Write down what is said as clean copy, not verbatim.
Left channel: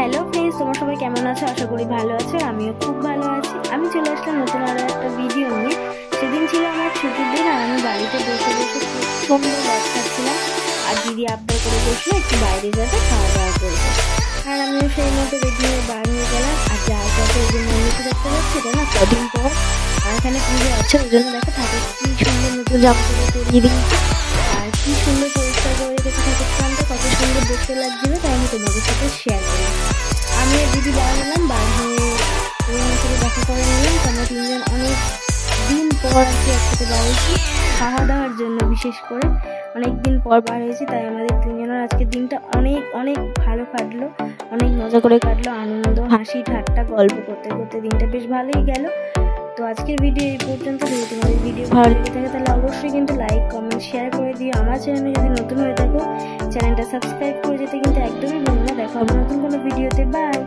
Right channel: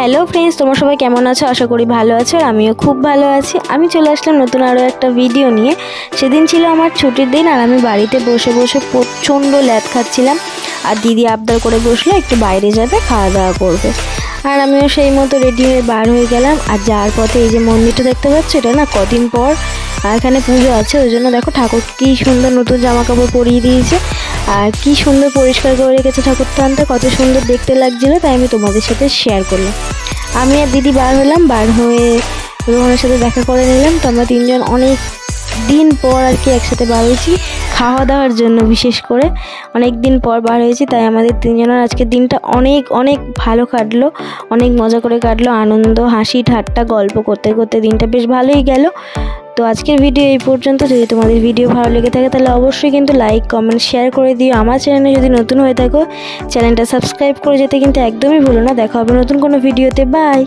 Hello friends, তোমরা সবাই কেমন আছো? আশা করি ভালো আছো। আমিও খুব ভালো আছি। আমি চলে আসলাম নতুন আরও একটা ভিডিও নিয়ে। সেদিন ছিল আমার ছুটির দিন, আর আমি বাড়িতে বসে বসে প্রচণ্ড ল্যাদ খাচ্ছিলাম। আর দিদি আবদার করে বসলো একটু বাইরে যাবে, খাওয়া দাওয়া করবে। আর আমিও সেই মতো রেডি হয়ে বার হয়ে গেলাম। আর যাওয়ার পথে এই যে মন্দিরটা দেখতে পাচ্ছ, এটা না কদিন পর আর এখানে পুজো আছে, ওই জন্য দেখো ঠাকুর কী সুন্দর নতুন জামা কাপড় পরিয়ে দিয়েছে। আর কি সুন্দর পরিষ্কার করে রেখেছে ঠাকুরটা, কত সুন্দর দেখতে লাগছিলো। তাই আমি তোমাদের সাথে শেয়ার করলাম। আমি আর দিদি বার হলাম, বার হয়ে রোহনের সাথে দেখা করে নিলাম। তো আমরা তিনজন অনেক দিন পর আর কি একসাথে বার হয়েছি খাওয়া দাওয়ার জন্য। বিশেষ করে অনেক দিন পর বার হয়েছি, তাই আমাদের তিনজনের আজকের দিনটা অনেক অনেক ভালো কাটলো, অনেক মজা করে কাটলো। আনন্দ, হাসি ঠাট্টা, গল্প করতে করতে দিনটা বেশ ভালোই গেল। তো আজকের ভিডিও এই পর্যন্ত। যদি তোমাদের ভিডিও ভালো লেগে থাকে তাহলে অবশ্যই কিন্তু লাইক, কমেন্ট, শেয়ার করে দিও। আমার চ্যানেলে যদি নতুন হয়ে থাকো চ্যানেলটা সাবস্ক্রাইব করে যেতে কিন্তু একদমই ভুলো না। দেখা হবে নতুন কোনো ভিডিওতে। বাই।